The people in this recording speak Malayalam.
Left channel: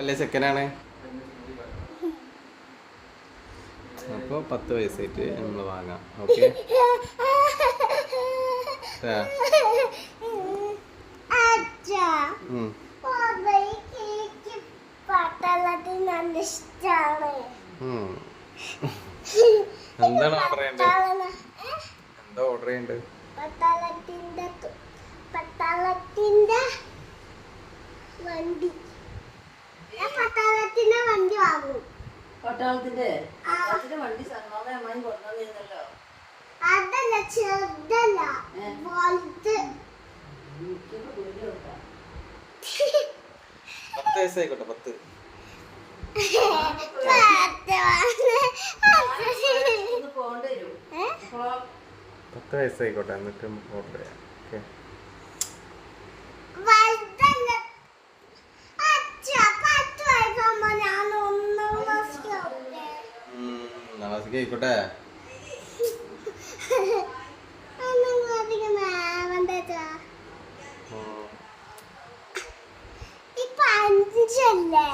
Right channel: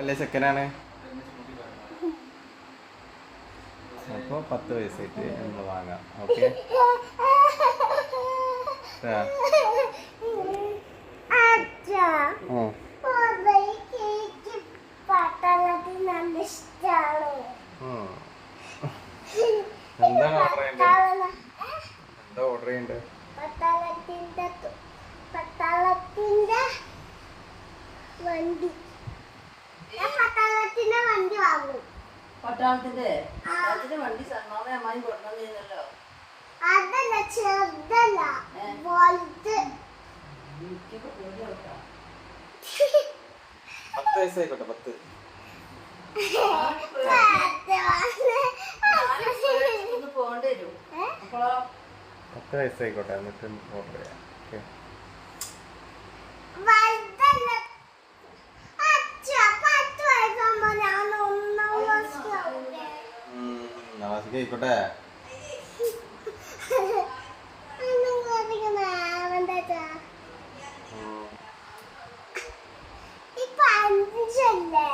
അല്ലേ സെക്കൻഡാണ്. അപ്പോൾ 10 വയസ്സായിട്ട് നമ്മൾ വാങ്ങാം. ഓക്കെ എന്താണ് ഓർഡർ ചെയ്യേണ്ടത്? എന്താ ഓർഡർ ചെയ്യേണ്ടത്? പട്ടാളത്തിന്റെ വണ്ടി. പട്ടാളത്തിന്റെ വണ്ടി വാങ്ങും. പട്ടാളത്തിന്റെ വണ്ടി സന്മാമ അമ്മായി കൊണ്ടുവന്നിരുന്നല്ലോ. അതല്ല, ചെറുതല്ല, വലുത്. 10 വയസ്സായിക്കോട്ടെ. 10 പോകേണ്ടി വരും. 10 വയസ്സായിക്കോട്ടെ, എന്നിട്ട് ഓർഡർ ചെയ്യാം. ഓക്കെ നവാസിക്കായിക്കോട്ടെ. ഇപ്പൊ 5 അല്ലേ?